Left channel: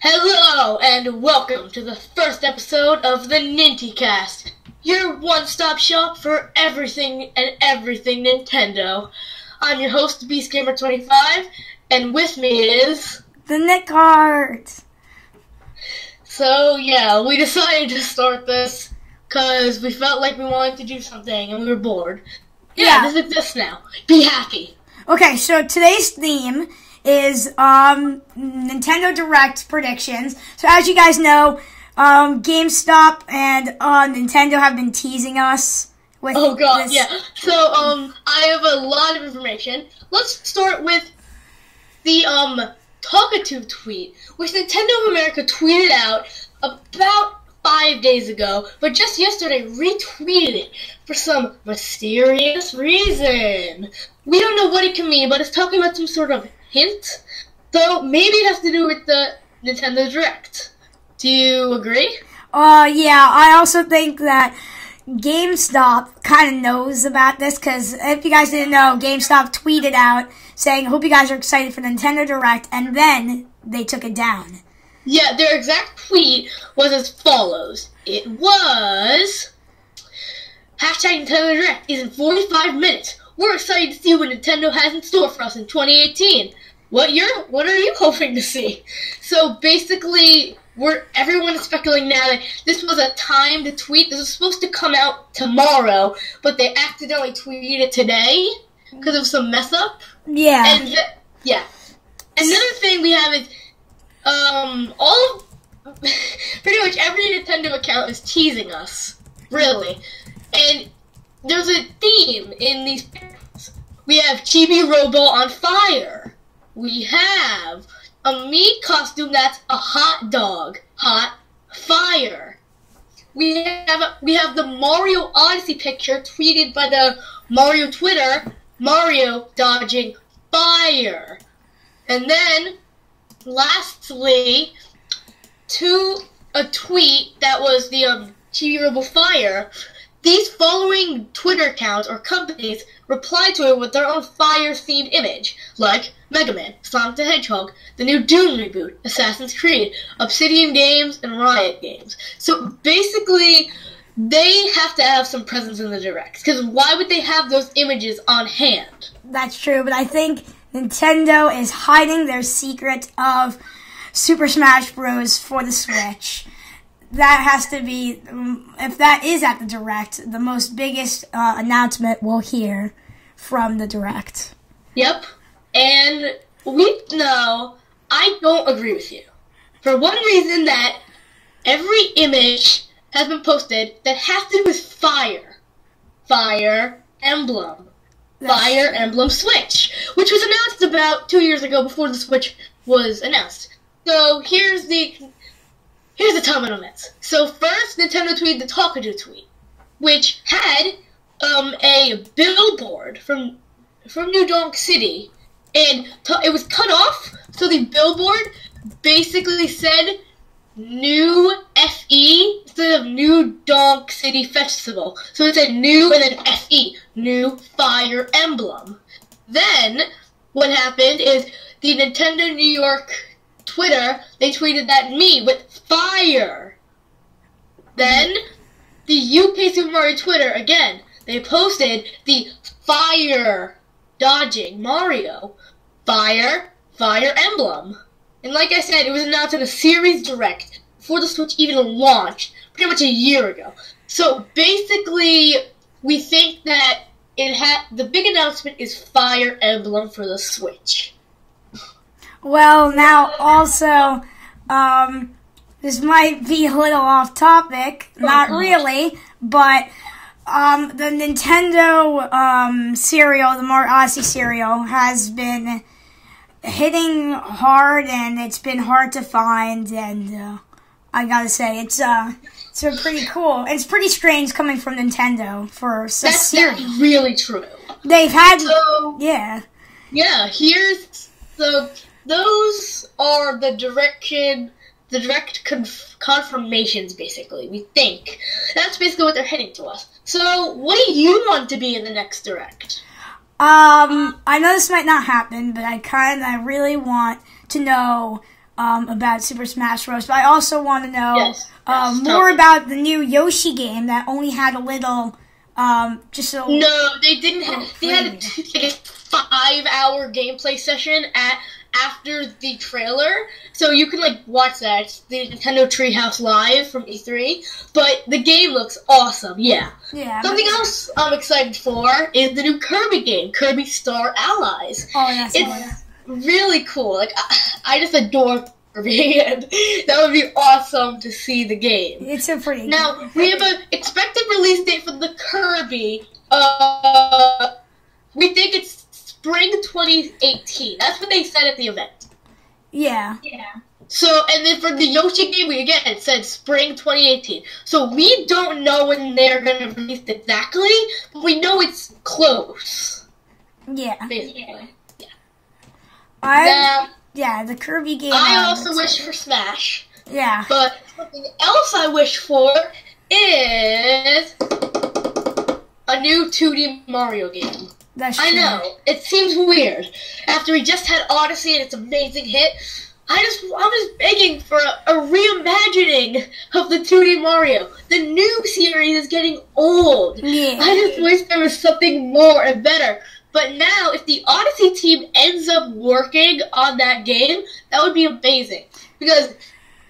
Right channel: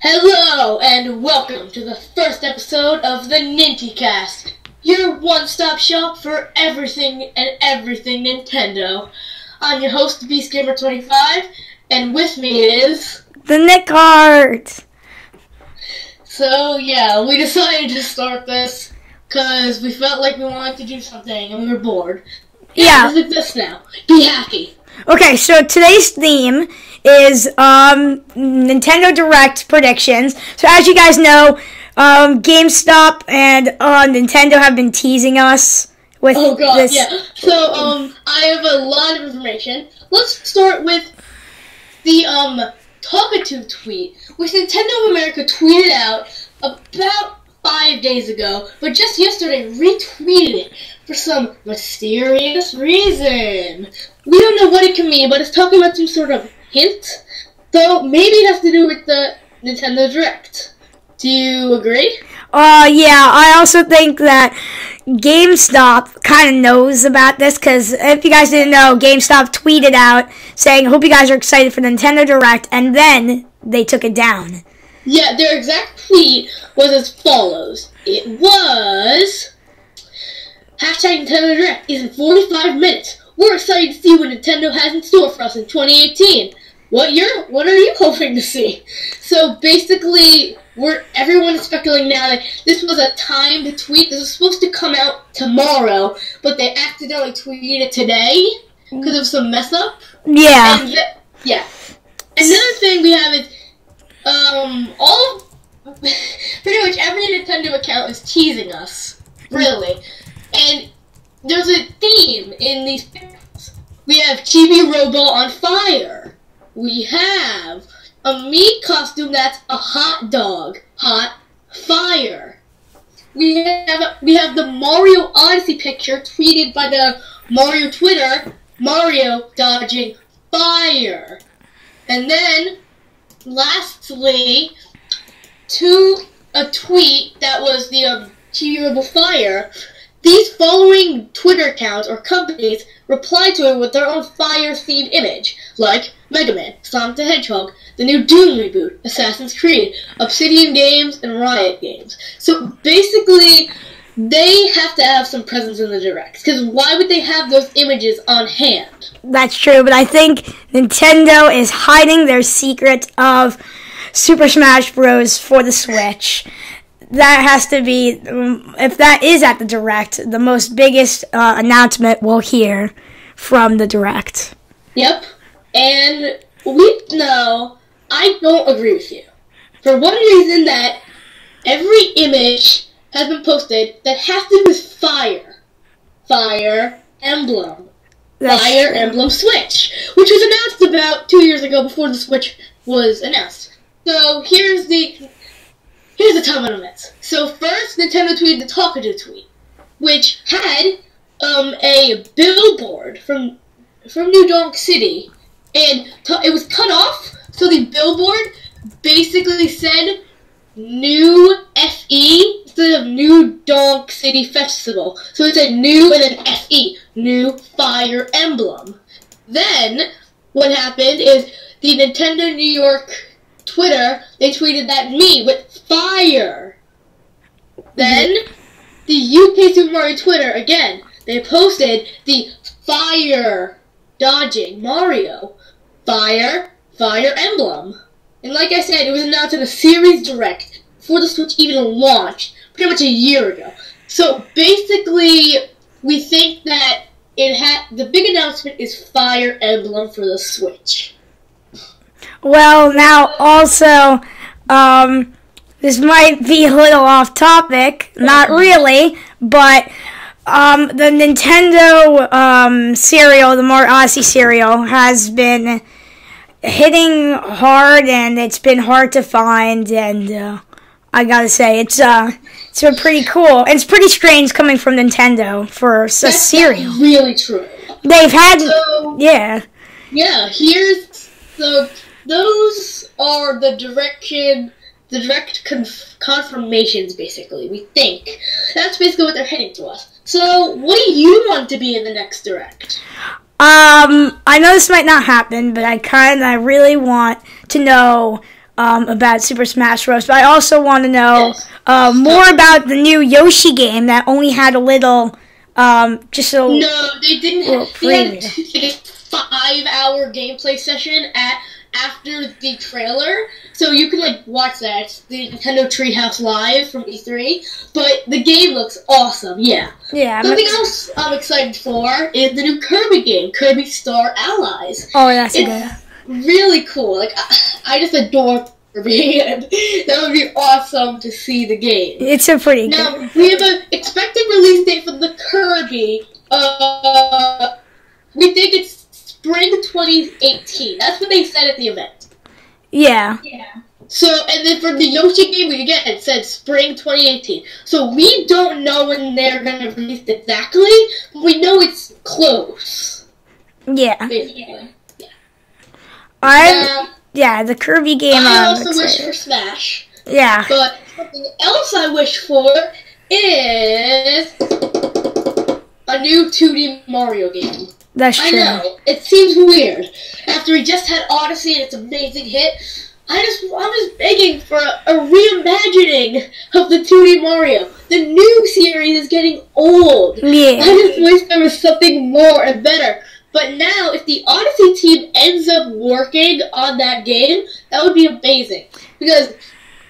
Hello, and welcome to the first episode of the NintyCast, your one-stop shop for everything Nintendo. I'm your host, BeastGamer25, and with me is... the Nick Heart! So, yeah, we decided to start this because we felt like we wanted to do something and we were bored. Yeah. This exists now. Be happy. Okay, so today's theme is Nintendo Direct predictions. So as you guys know, GameStop and Nintendo have been teasing us with this. Oh god, yeah. So, I have a lot of information. Let's start with the, Talkative tweet, which Nintendo of America tweeted out about 5 days ago, but just yesterday retweeted it for some mysterious reason. We don't know what it can mean, but it's talking about some sort of hint. So maybe it has to do with the Nintendo Direct. Do you agree? Yeah, I also think that GameStop kind of knows about this, because if you guys didn't know, GameStop tweeted out saying, hope you guys are excited for Nintendo Direct, and then they took it down. Yeah, their exact tweet was as follows. It was... Hashtag Nintendo Direct is in 45 minutes. We're excited to see what Nintendo has in store for us in 2018. What are you hoping to see? So basically, everyone is speculating now that this was a timed tweet. This was supposed to come out tomorrow, but they accidentally tweeted it today because of some mess up. Yeah. And yeah. Another thing we have is pretty much every Nintendo account is teasing us, really. And there's a theme in these pictures. We have Chibi Robo on fire. We have a meat costume that's a hot dog. Hot fire. We have the Mario Odyssey picture tweeted by the Mario Twitter. Mario dodging fire. And then, lastly, a tweet that was the Chibi Robo fire. These following Twitter accounts or companies replied to it with their own fire-themed image, like Mega Man, Sonic the Hedgehog, the new Doom reboot, Assassin's Creed, Obsidian Games, and Riot Games. So basically, they have to have some presence in the Direct, because why would they have those images on hand? That's true, but I think Nintendo is hiding their secret of Super Smash Bros. For the Switch. That has to be, if that is at the Direct, the most biggest announcement we'll hear from the Direct. Yep. And I don't agree with you. For one reason, that every image has been posted that has to do with fire. Fire Emblem. Fire Emblem Switch. Which was announced about 2 years ago before the Switch was announced. So here's the timeline on this. So first, Nintendo tweeted the Talkative tweet, which had a billboard from New Donk City, and it was cut off, so the billboard basically said New FE instead of New Donk City Festival. So it said New and then FE, New Fire Emblem. Then, what happened is the Nintendo New York Twitter, they tweeted that me with fire. Then, the UK Super Mario Twitter, again, they posted the fire dodging Mario. Fire Emblem. And like I said, it was announced in a series direct before the Switch even launched, pretty much a year ago. So basically, we think that the big announcement is Fire Emblem for the Switch. Well, now also, this might be a little off topic, not really, but the Nintendo cereal, the Mario Odyssey cereal, has been hitting hard, and it's been hard to find, and I gotta say, it's been pretty cool. It's pretty strange coming from Nintendo for a cereal. That's really true. They've had, Yeah, those are the direct confirmations, basically, we think. That's basically what they're hitting to us. So, what do you want to be in the next Direct? I know this might not happen, but I really want to know about Super Smash Bros. But I also want to know Yes. more about the new Yoshi game that only had a little, just a No, they didn't little have. They had preview. a 5-hour gameplay session after the trailer, so you can like watch that. It's the Nintendo Treehouse Live from E3, but the game looks awesome. Yeah. Yeah. Something else I'm excited for is the new Kirby game, Kirby Star Allies. Oh, that's It's good. really cool. Like I just adore Kirby, and that would be awesome to see the game. It's a pretty good. Now we have an expected release date for the Kirby. We think it's spring 2018. That's what they said at the event. Yeah. So, and then for the Yoshi game, again, it said spring 2018. So we don't know when they're going to release it exactly, but we know it's close. Yeah. Basically. The Kirby game. I I'm also wish excited. for Smash. Yeah. But something else I wish for is a new 2D Mario game. That's true. I know, it seems weird. After we just had Odyssey and its amazing hit, I'm just begging for a reimagining of the 2D Mario. The new series is getting old. Yeah. I just wish there was something more and better. But now, if the Odyssey team ends up working on that game, that would be amazing. Because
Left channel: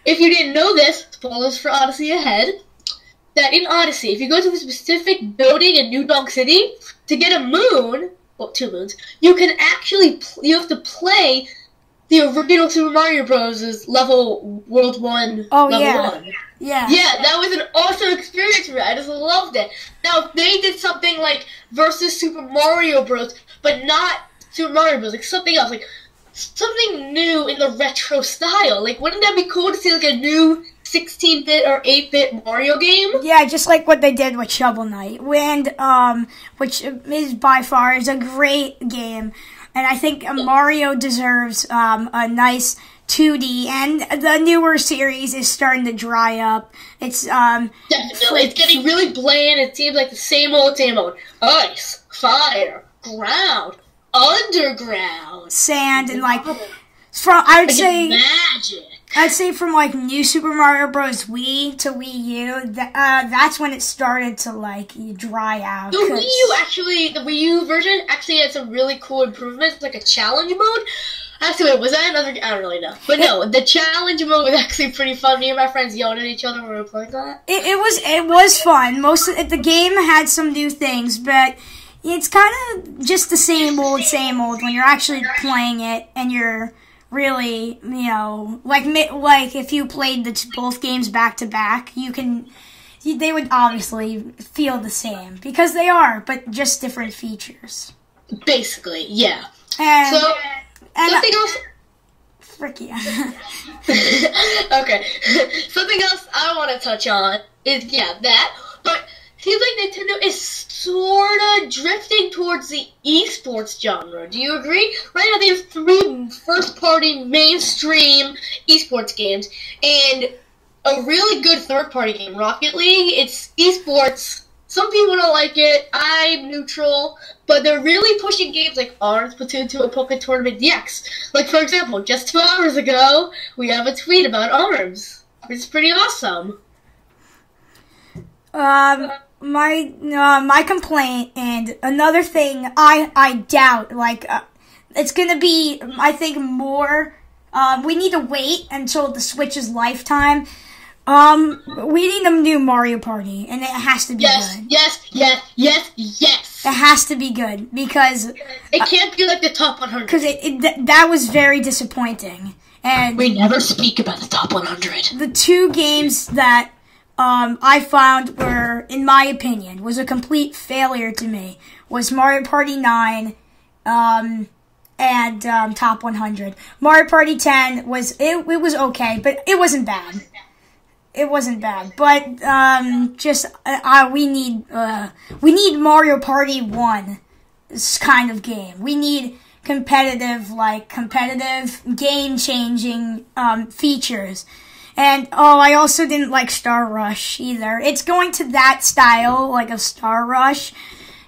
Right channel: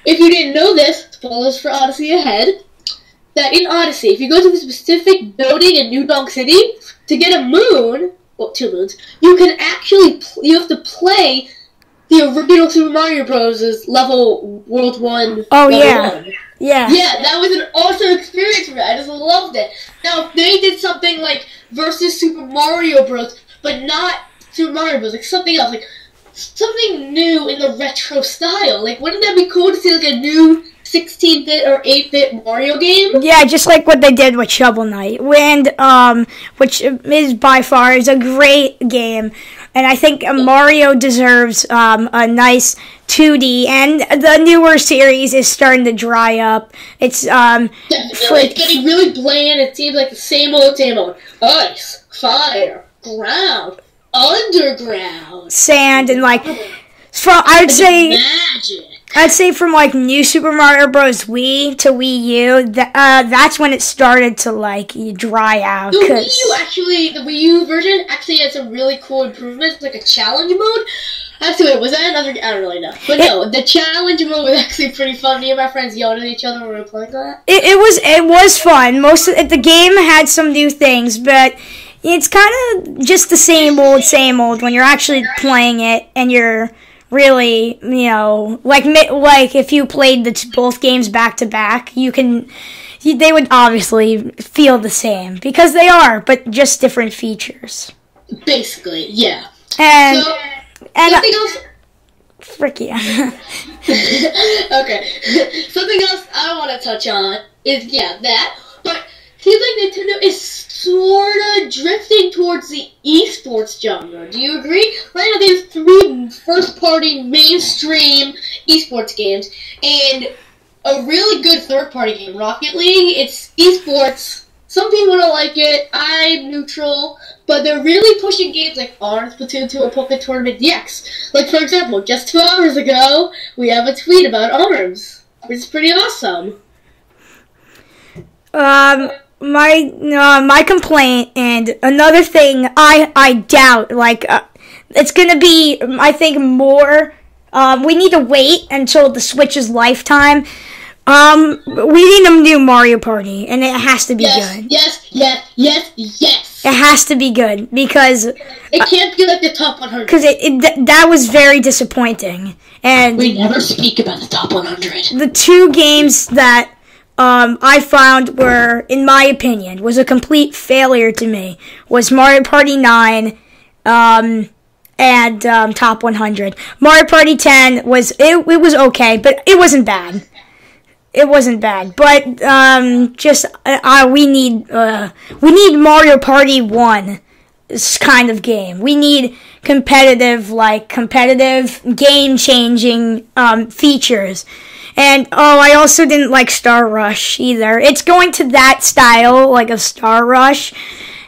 if you didn't know this, spoilers for Odyssey ahead, that in Odyssey, if you go to a specific building in New Donk City, to get a moon, well, 2 moons, you have to play the original Super Mario Bros. Level World 1. Oh, level yeah. 1. Yeah. Yeah, that was an awesome experience for me. I just loved it. Now, if they did something like versus Super Mario Bros., but not Super Mario Bros., like something else, like something new in the retro style. Like, wouldn't that be cool to see like a new 16-bit or 8-bit Mario game? Yeah, just like what they did with Shovel Knight, which is by far is a great game, and I think Mario deserves a nice 2D. And the newer series is starting to dry up. It's Definitely. It's getting really bland. It seems like the same old. Ice, fire, ground, underground, sand, and like I'd say from like New Super Mario Bros. Wii to Wii U, that's when it started to like dry out. The Wii U version actually had some really cool improvements, like a challenge mode. Actually, was that another? I don't really know. But no, the challenge mode was actually pretty fun. Me and my friends yelled at each other when we were playing that. It was fun. The game had some new things, but it's kind of just the same old when you're actually playing it, and you're really, like if you played both games back to back, they would obviously feel the same because they are, but just different features. Basically, yeah. And something else. Frick yeah. Okay. Something else I want to touch on is that, but it seems like Nintendo is sorta drifting towards the esports genre. Do you agree? Right now they have 3 first-party mainstream esports games and a really good third-party game, Rocket League. It's esports. Some people don't like it. I'm neutral. But they're really pushing games like ARMS, Splatoon 2, and Pokémon Tournament DX. Like, for example, just 2 hours ago, we have a tweet about ARMS, which is pretty awesome. My complaint, and another thing I doubt, it's gonna be, I think, more, we need to wait until the Switch's lifetime. We need a new Mario Party, and it has to be good. Yes. It has to be good, because it can't be like the top 100. Because that was very disappointing. And we never speak about the top 100. The 2 games that I found were, in my opinion, was a complete failure to me was Mario Party 9 and Top 100. Mario Party 10 was okay, but it wasn't bad. It wasn't bad, but we need Mario Party 1 kind of game. We need competitive game-changing features. And, I also didn't like Star Rush either. It's going to that style, like a Star Rush,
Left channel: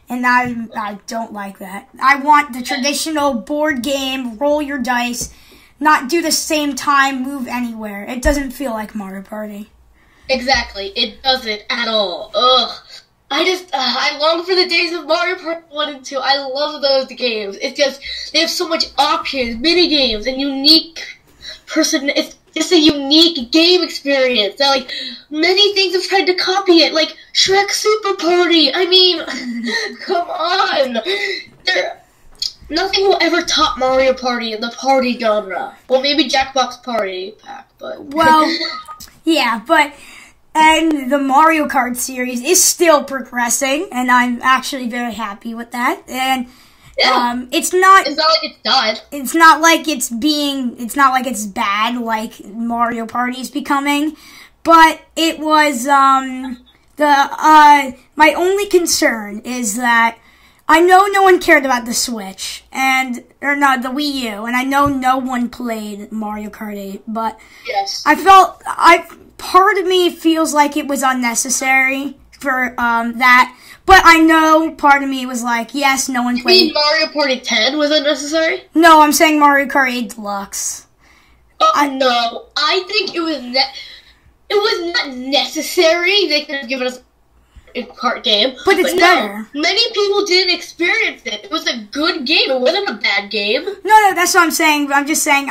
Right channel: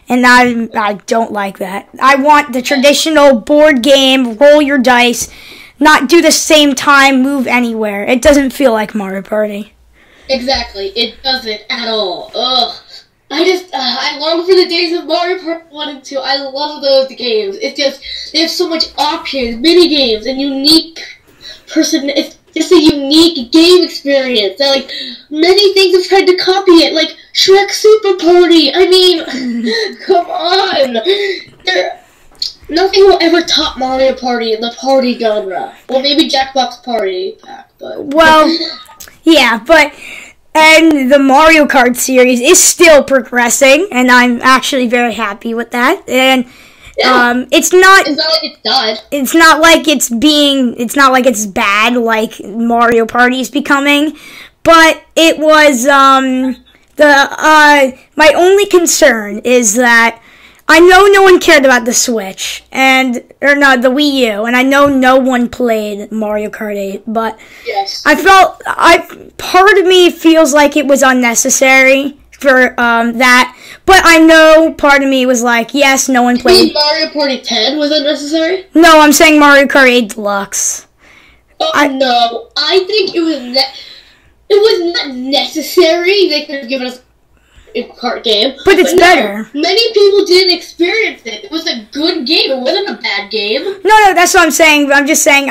and I don't like that. I want the traditional board game, roll your dice, not do the same time move anywhere. It doesn't feel like Mario Party. Exactly. It doesn't at all. Ugh. I long for the days of Mario Party 1 and 2. I love those games. It's just, they have so much options, mini games, and unique it's just a unique game experience. That, like, many things have tried to copy it, like Shrek Super Party. I mean, come on. Nothing will ever top Mario Party in the party genre. Well, maybe Jackbox Party Pack, but... Well, yeah, but... And the Mario Kart series is still progressing, and I'm actually very happy with that. And it's not like it's done. It's not like it's bad like Mario Party is becoming, but it was my only concern is that I know no one cared about the Switch the Wii U, and I know no one played Mario Kart 8, but yes. Part of me feels like it was unnecessary for that, but I know part of me was like, yes, no one played. You mean Mario Party 10 was unnecessary? No, I'm saying Mario Kart 8 Deluxe. No, I think it was not necessary. They could have given us a kart game. But it's better. Many people didn't experience it. It was a good game. It wasn't a bad game. No, that's what I'm saying. But I'm just saying,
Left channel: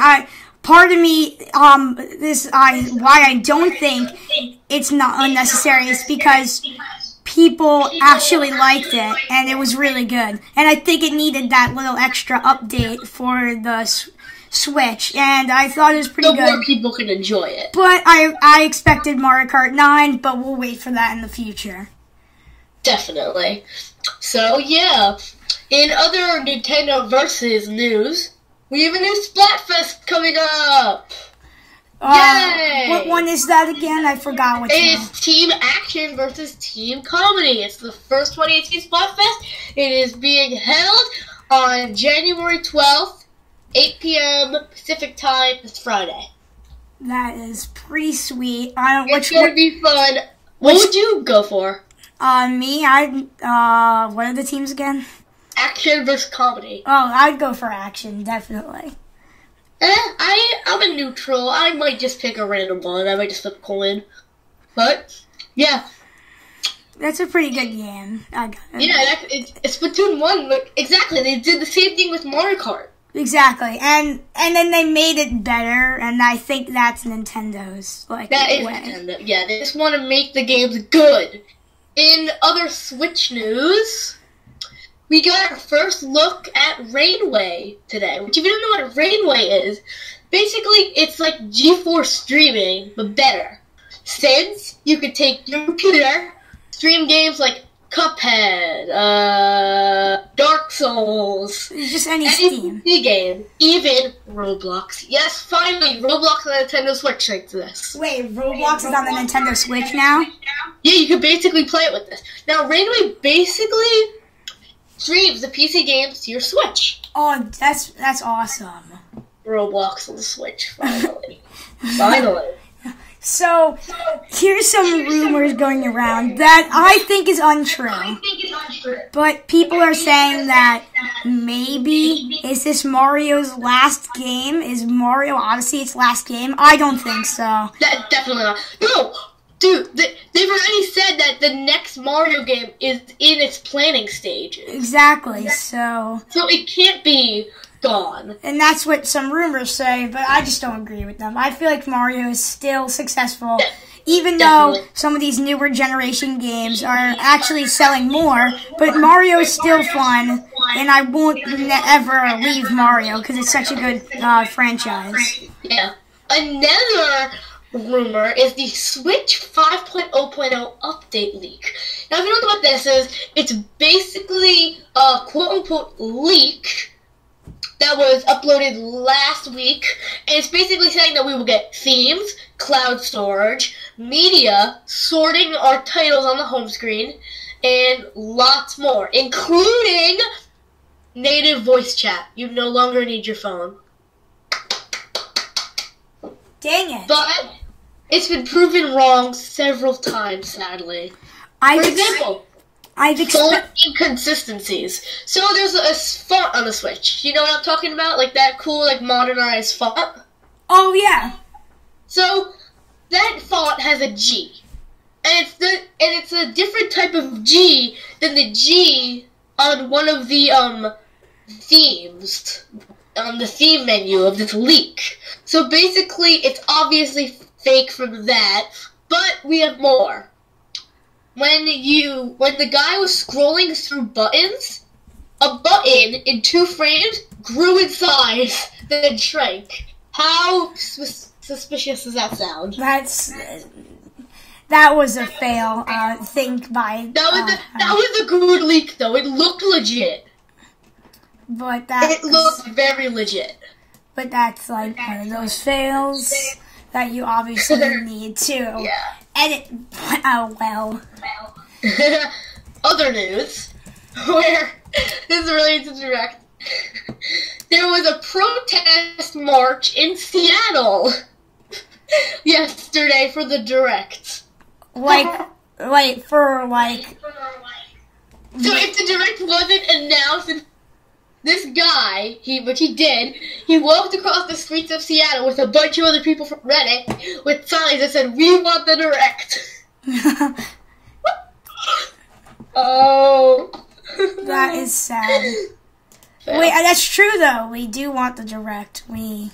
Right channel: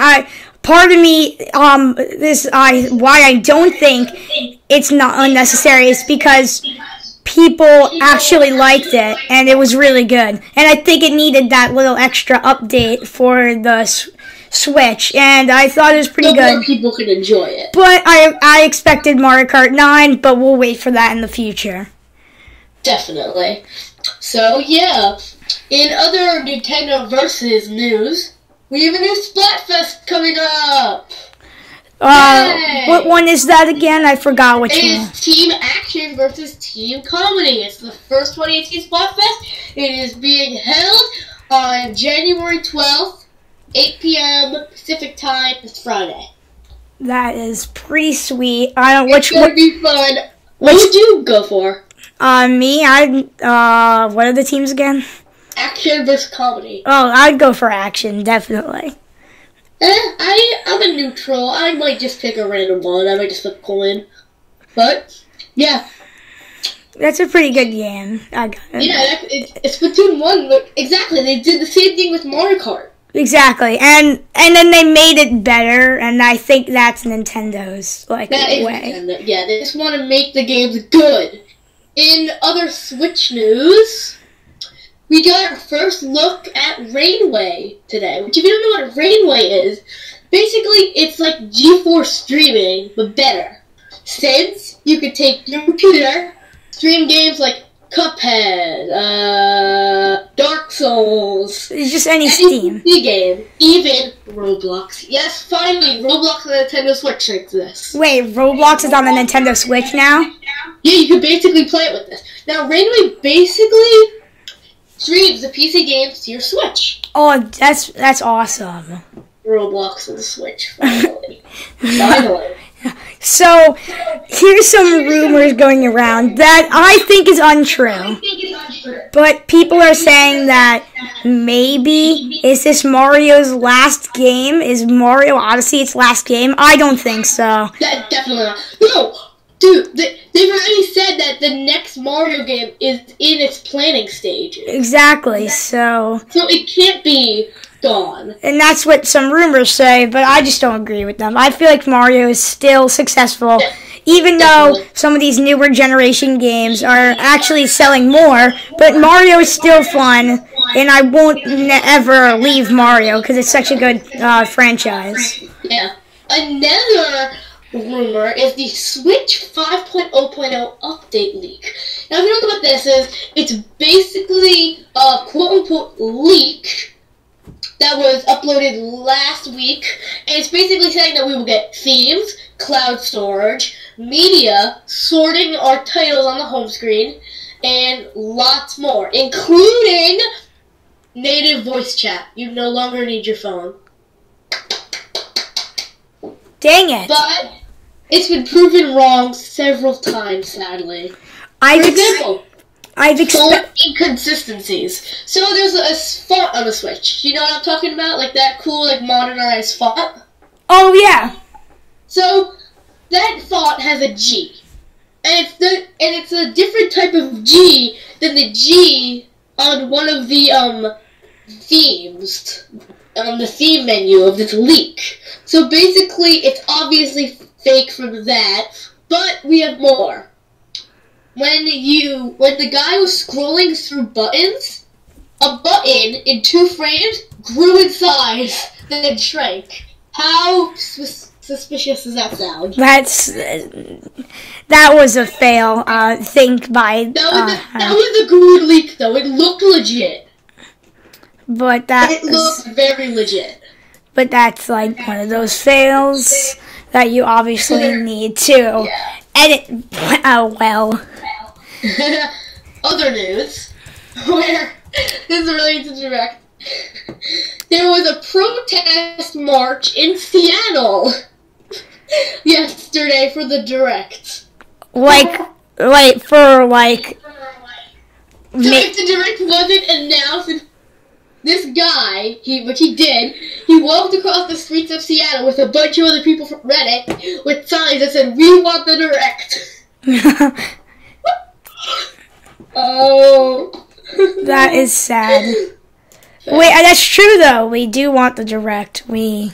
part of me, why I don't think it's not unnecessary is because people actually liked it, and it was really good. And I think it needed that little extra update for the Switch, and I thought it was pretty good. More people could enjoy it. But I expected Mario Kart 9, but we'll wait for that in the future. Definitely. So, yeah. In other Nintendo Versus news, we have a new Splatfest coming up! What one is that again? I forgot which one. It's Team Action versus Team Comedy. It's the first 2018 Splatfest. It is being held on January 12th, 8 p.m. Pacific Time. It's Friday. That is pretty sweet. It's going to be fun. What would you go for? Me, what are the teams again? Action versus Comedy. Oh, I'd go for Action, definitely. I'm a neutral. I might just pick a random one. I might just flip a coin. But, yeah. That's a pretty good game. I got it. Yeah, it's Splatoon 1. Exactly. They did the same thing with Mario Kart. Exactly. And then they made it better, and I think that's Nintendo's way. Nintendo. Yeah, they just want to make the games good. In other Switch news, we got our first look at Rainway today. Which, if you don't know what Rainway is, basically it's like GeForce streaming, but better. Since you could take your computer, stream games like Cuphead, Dark Souls, just any Steam game, even Roblox. Yes, finally, Roblox on the Nintendo Switch exists. Wait, Roblox is on the Nintendo Switch now? Yeah, you can basically play it with this. Now, Rainway basically streams the PC games to your Switch. Oh, that's awesome. Roblox on the Switch, finally. Finally. So, here's some rumors going around that I think is untrue. But people are saying that maybe, is this Mario's last game? Is Mario Odyssey its last game? I don't think so. Definitely not. No! Dude, they've already said that the next Mario game is in its planning stage. Exactly, so it can't be gone. And that's what some rumors say, but I just don't agree with them. I feel like Mario is still successful, even though some of these newer generation games are actually selling more, but Mario is still fun, and I won't ever leave Mario, because it's such a good franchise. Yeah. Another rumor is the Switch 5.0.0 update leak. Now, if you don't know what this is, it's basically a quote-unquote leak that was uploaded last week, and it's basically saying that we will get themes, cloud storage, media, sorting our titles on the home screen, and lots more, including native voice chat. You no longer need your phone. Dang it. But it's been proven wrong several times, sadly. For example, inconsistencies. So there's a font on the Switch. You know what I'm talking about? Like that cool, like modernized font. Oh yeah. So that font has a G, and it's a different type of G than the G on one of the themes on the theme menu of this leak. So basically, it's obviously fake from that, but we have more. When the guy was scrolling through buttons, a button in 2 frames grew in size, then shrank. How suspicious does that sound? That was a fail. Think by that was a good leak though. It looked legit. But it looked very legit. But that's like one of those fails that you obviously need to edit well. Other news, where this is related to Direct. There was a protest march in Seattle yesterday for the Direct. So if the Direct wasn't announced, this guy, he walked across the streets of Seattle with a bunch of other people from Reddit with signs that said, "We want the Direct." Oh. That is sad. Wait, that's true though. We do want the Direct. We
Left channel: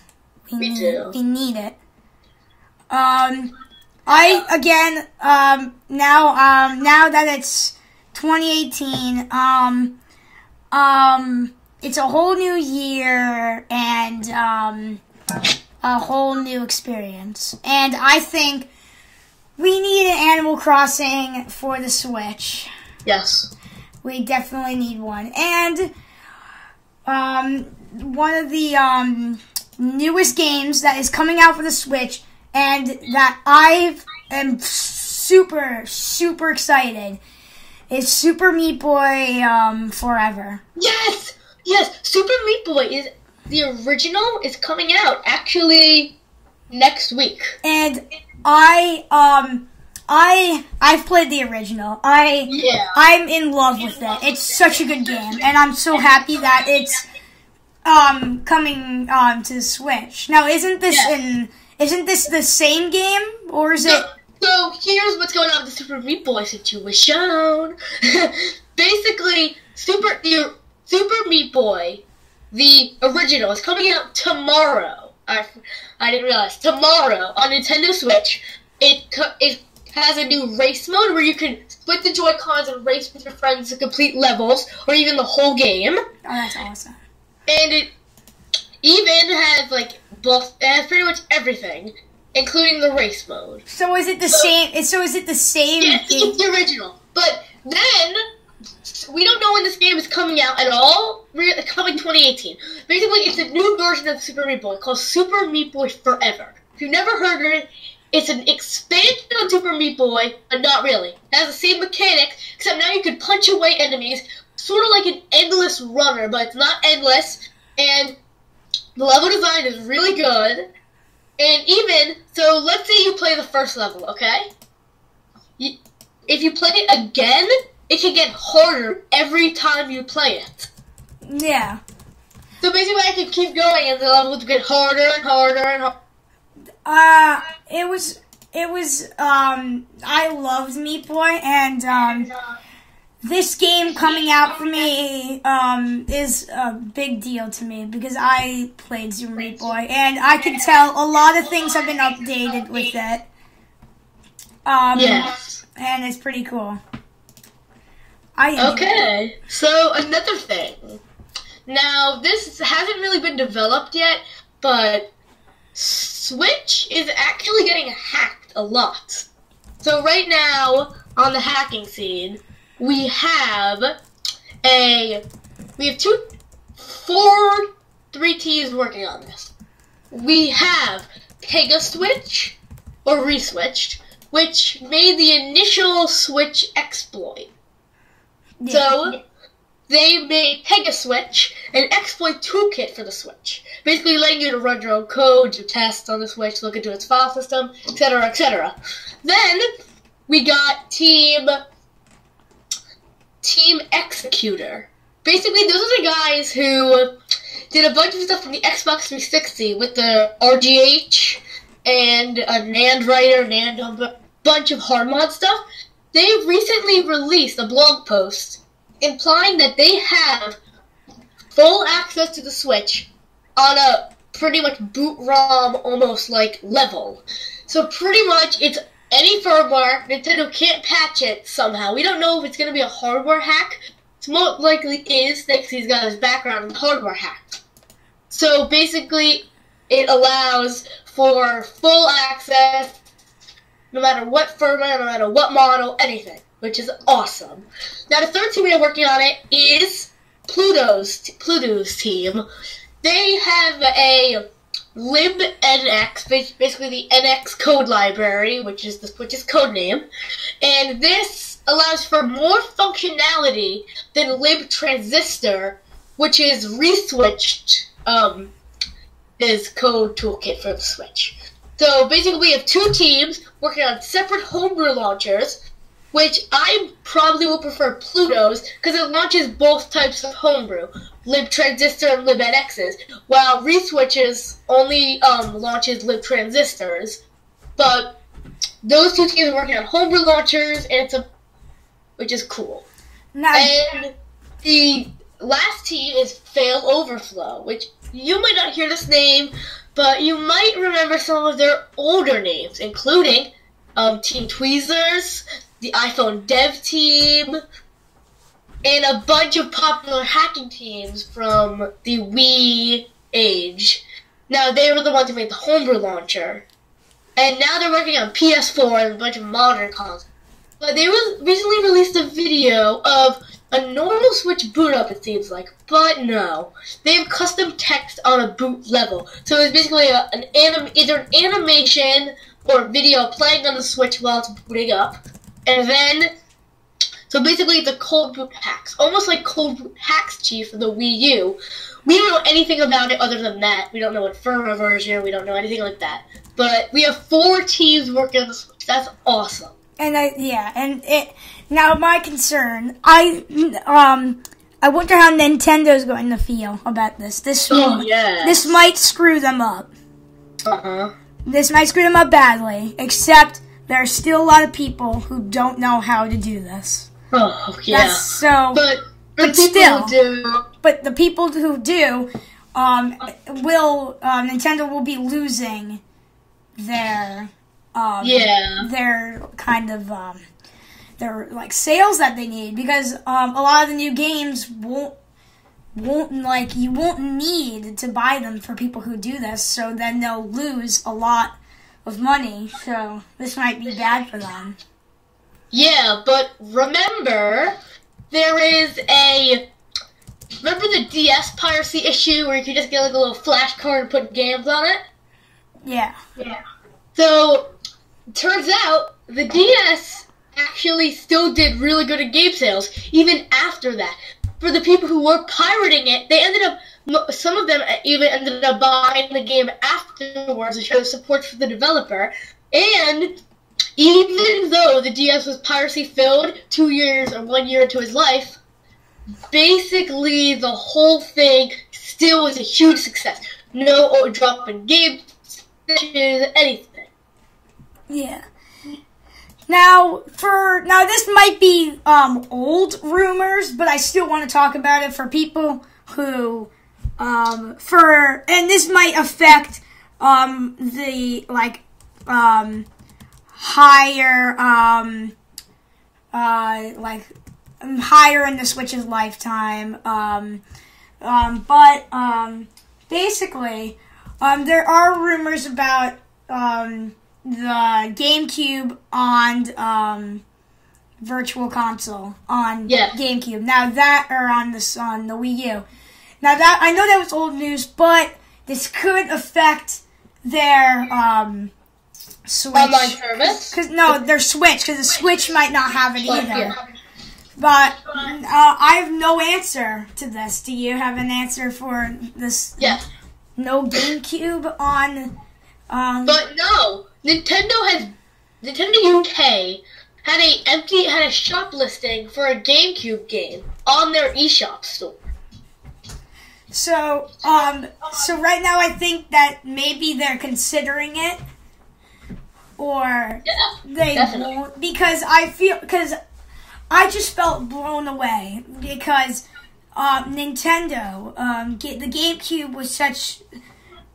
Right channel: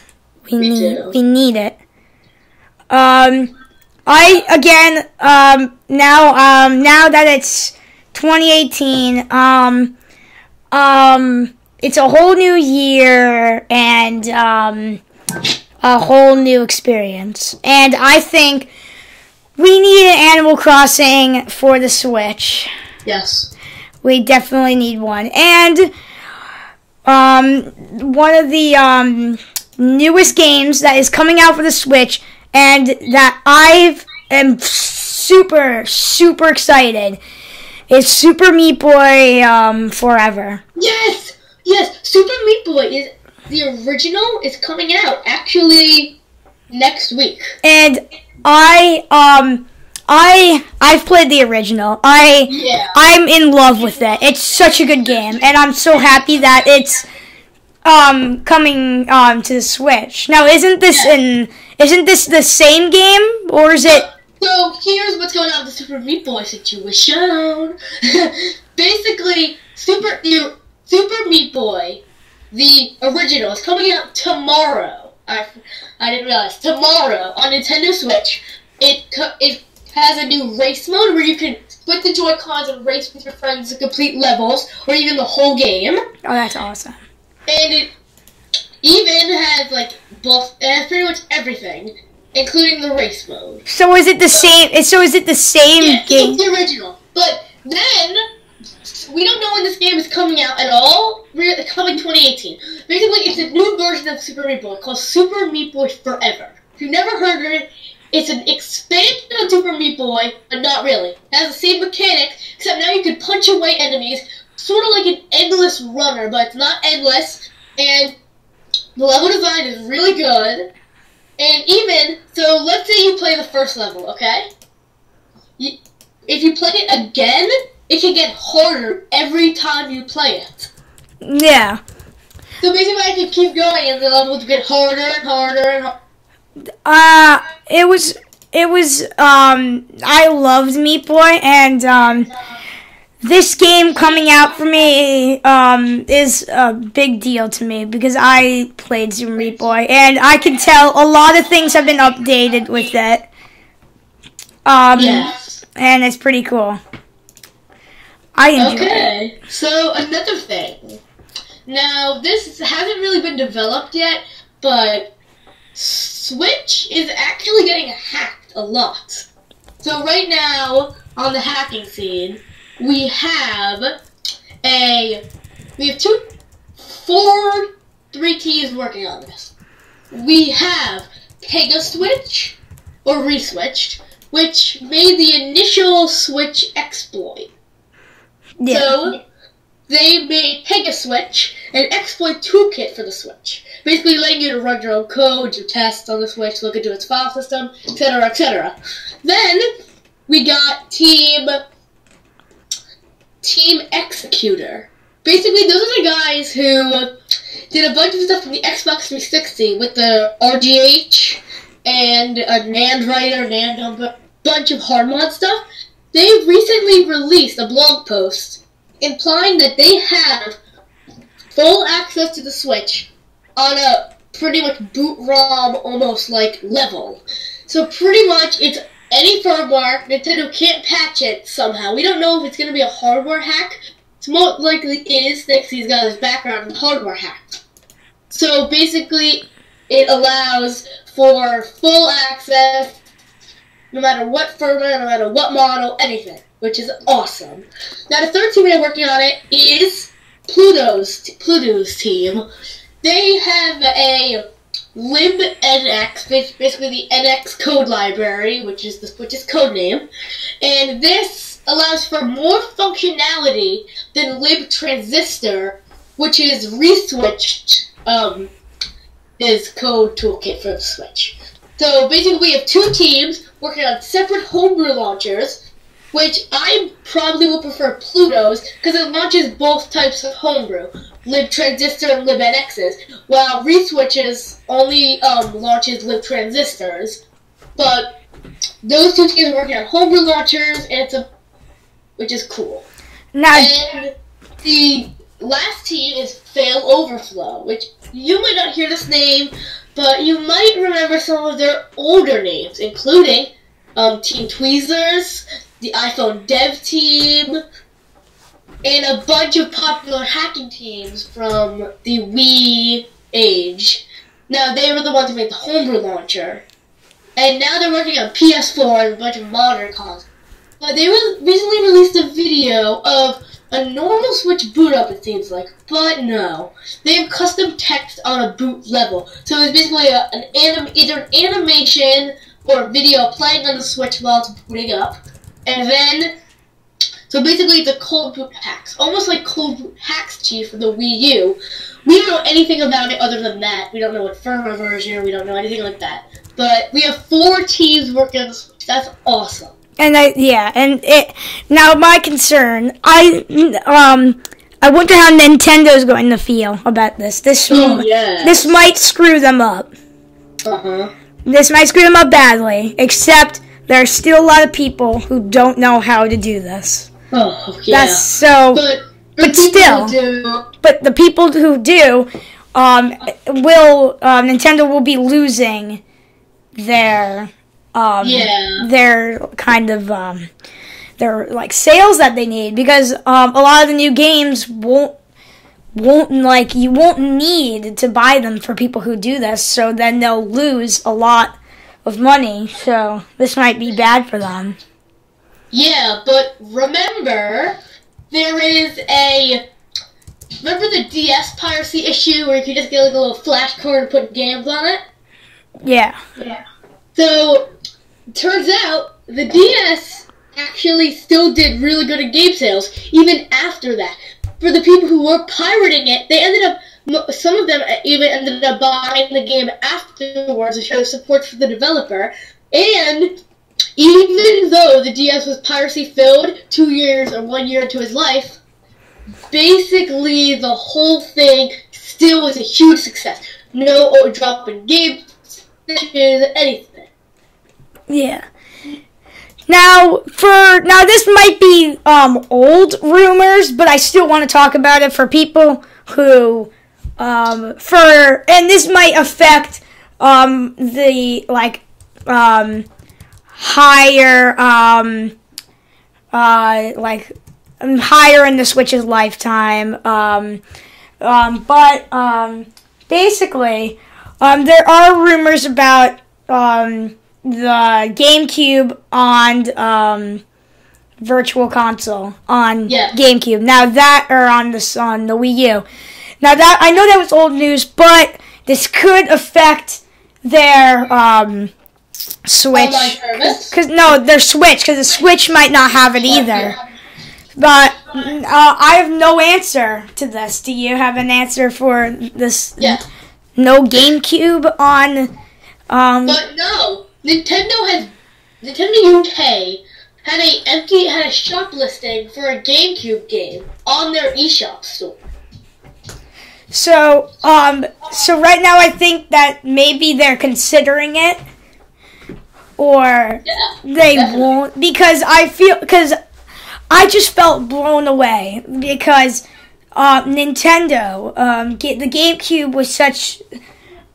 need it. Now that it's 2018, it's a whole new year and a whole new experience. And I think we need an Animal Crossing for the Switch. Yes. We definitely need one. And one of the newest games that is coming out for the Switch and that I am super, super excited is Super Meat Boy Forever. Yes! Yes! Super Meat Boy is the original is coming out actually next week. And I've played the original. I'm in love with it. It's such a good game, and I'm so happy that it's coming to the Switch. Now, isn't this the same game, or is it? So here's what's going on with the Super Meat Boy situation. Basically, Super Meat Boy, the original, is coming out tomorrow. I didn't realize tomorrow on Nintendo Switch. It has a new race mode where you can split the Joy-Cons and race with your friends to complete levels, or even the whole game. Oh, that's awesome. And it even has, pretty much everything, including the race mode. So is it the same? So is it the same game? It's the original. But then, we don't know when this game is coming out at all. It's coming 2018. Basically, it's a new version of Super Meat Boy called Super Meat Boy Forever. If you've never heard of it, it's an expansion of Super Meat Boy, but not really. It has the same mechanics, except now you can punch away enemies, sort of like an endless runner, but it's not endless, and the level design is really good, and so let's say you play the first level, okay? If you play it again, it can get harder every time you play it. Yeah. So basically I can keep going, and the levels get harder and harder and harder. I loved Meat Boy, and this game coming out for me is a big deal to me because I played Super Meat Boy, and I can tell a lot of things have been updated with it. Yes. And it's pretty cool. I enjoy it. So another thing. Now, this hasn't really been developed yet, but Switch is actually getting hacked a lot. So right now, on the hacking scene, we have three teams working on this. We have Pegaswitch, or Reswitched, which made the initial Switch exploit. Yeah. So, they made Pegaswitch an exploit toolkit for the Switch, basically letting you to run your own code, do tests on the Switch, look into its file system, etc., etc. Then we got Team Team Executor. Basically, those are the guys who did a bunch of stuff from the Xbox 360 with the RGH and a NAND writer, a bunch of hard mod stuff. They recently released a blog post implying that they have full access to the Switch on a pretty much boot ROM almost like level. So pretty much it's any firmware. Nintendo can't patch it somehow. We don't know if it's going to be a hardware hack. It's most likely is, thanks he's got his background in hardware hack. So basically it allows for full access no matter what firmware, no matter what model, anything, which is awesome. Now the third team they're working on it is Pluto's team. They have a libnx, basically the NX code library, which is the Switch's code name, and this allows for more functionality than libtransistor, which is reswitched is code toolkit for the Switch. So basically we have two teams working on separate homebrew launchers, which I probably will prefer Pluto's because it launches both types of homebrew, libtransistor and libnx's, while reswitches only launches libtransistors. But those two teams are working on homebrew launchers, and which is cool. Now, and the last team is Fail Overflow, which you might not hear this name, but you might remember some of their older names, including Team Tweezers, the iPhone dev team, and a bunch of popular hacking teams from the Wii age. Now, they were the ones who made the homebrew launcher, and now they're working on PS4 and a bunch of modern consoles. But they recently released a video of a normal Switch boot up, it seems like, but no. They have custom text on a boot level. So it's basically either an animation or a video playing on the Switch while it's booting up. And then, so basically it's a cold boot hacks. Almost like cold boot hacks chief for the Wii U. We don't know anything about it other than that. We don't know what firmware version, we don't know anything like that. But we have 4 teams working on the Switch. That's awesome. And now my concern, I wonder how Nintendo's going to feel about this. This might screw them up. This might screw them up badly, except there are still a lot of people who don't know how to do this. Oh, yeah. That's so, but still, but the people who do, Nintendo will be losing their kind of their like sales that they need, because a lot of the new games won't you won't need to buy them for people who do this, so then they'll lose a lot of money. So this might be bad for them. Yeah, but remember remember the DS piracy issue where you could just get like a little flash card and put games on it? Yeah. So, turns out, the DS actually still did really good at game sales, even after that. For the people who were pirating it, some of them even ended up buying the game afterwards to show support for the developer. And even though the DS was piracy-filled 2 years or 1 year into his life, basically the whole thing still was a huge success. No drop in game sessions, anything. Yeah. Now this might be old rumors, but I still want to talk about it for people who and this might affect the higher higher in the Switch's lifetime. But basically there are rumors about the GameCube on Virtual Console on GameCube. Now that on the Wii U. Now that I know that was old news, but this could affect their Switch. Their Switch, because the Switch might not have it either. But I have no answer to this. Do you have an answer for this? Yeah. No GameCube on. But no. Nintendo UK had a shop listing for a GameCube game on their eShop store. So right now I think that maybe they're considering it, or they won't, because I just felt blown away because Nintendo, the GameCube was such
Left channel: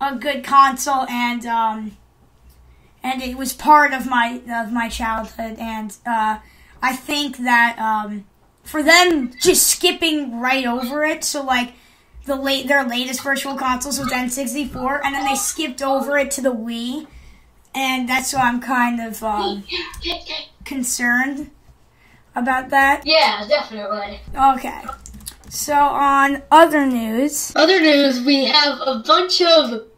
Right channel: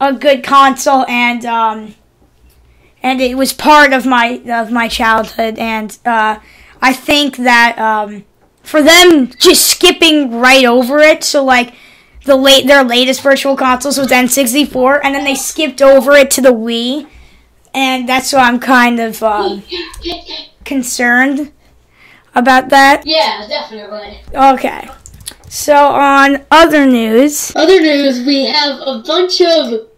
a good console, and it was part of my childhood, and I think that for them just skipping right over it, so like their latest virtual consoles was N64, and then they skipped over it to the Wii, and that's why I'm kind of concerned about that. Yeah, definitely. Okay. So on other news, we have a bunch of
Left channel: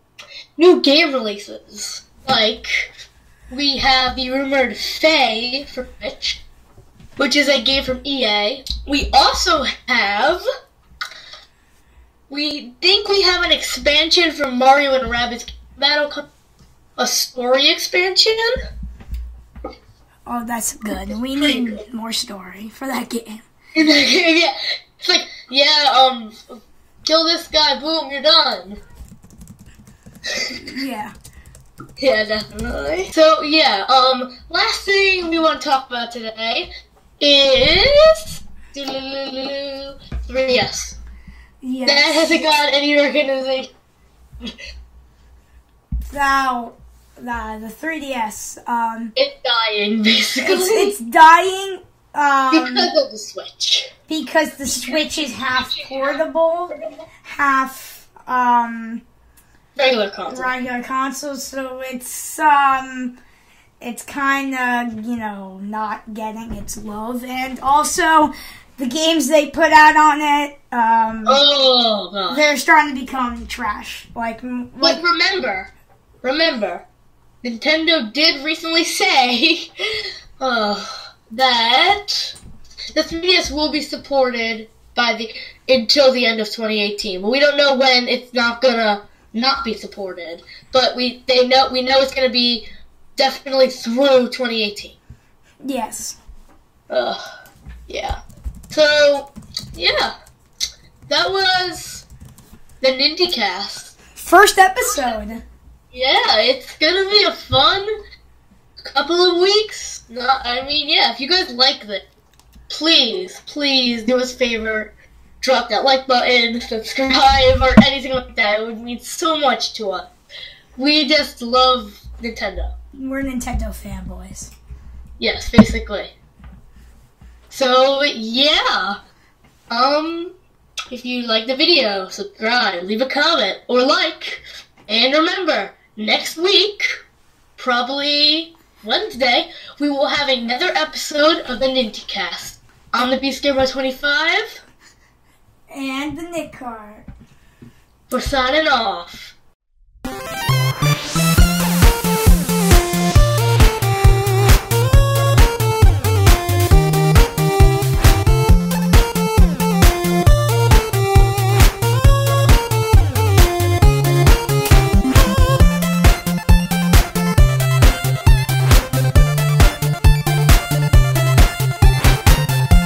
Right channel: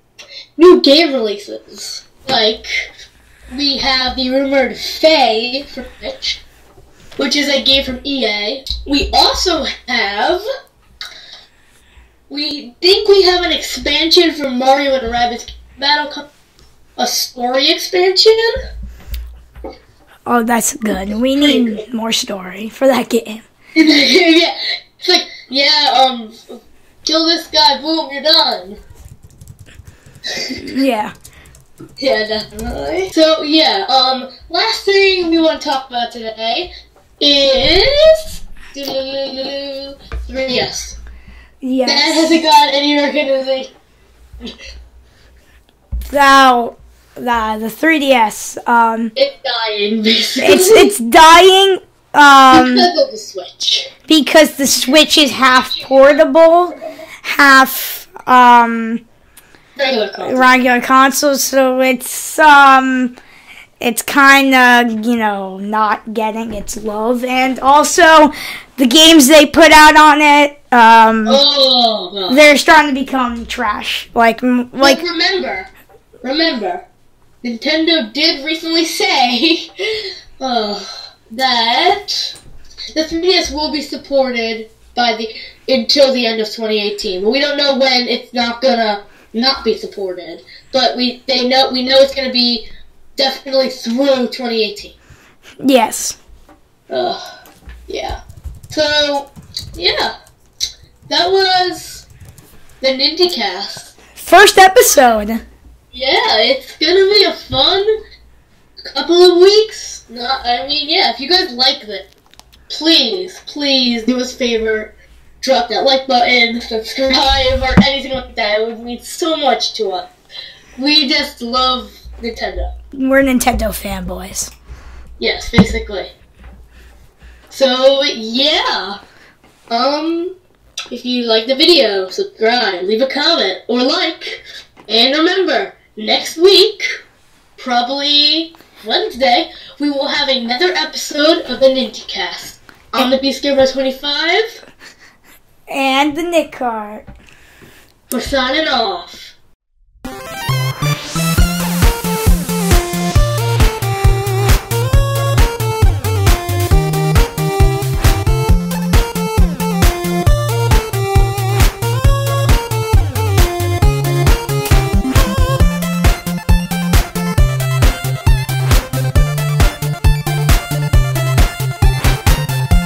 new game releases. Like, we have the rumored Faye for Switch, which is a game from EA. We also have... We think we have an expansion for Mario and Rabbids Battle, a story expansion. Oh, that's good. We need more story for that game. Yeah, it's like, kill this guy, boom, you're done. Yeah. Yeah, definitely. So, last thing we want to talk about today is 3DS. Yes. That hasn't got any recognition. Now, the 3DS. It's dying, basically. It's dying. Because of the Switch. Because the Switch is half portable, half regular console. So it's kind of, not getting its love, and also the games they put out on it, they're starting to become trash. Like remember, Nintendo did recently say that the 3DS will be supported until the end of 2018. But we don't know when it's not gonna not be supported. But we know it's gonna be definitely through 2018. Yes. Yeah. So, that was the NintyCast. First episode. Yeah, it's gonna be a fun couple of weeks. If you guys like it, please do us a favor. Drop that like button, subscribe, or anything like that. It would mean so much to us. We just love Nintendo. We're Nintendo fanboys. Yes, basically. So, if you like the video, subscribe, leave a comment, or like. And remember, next week, probably Wednesday, we will have another episode of the NintyCast. I'm the Beast Gamer 25. And the Nick Card. We're signing off.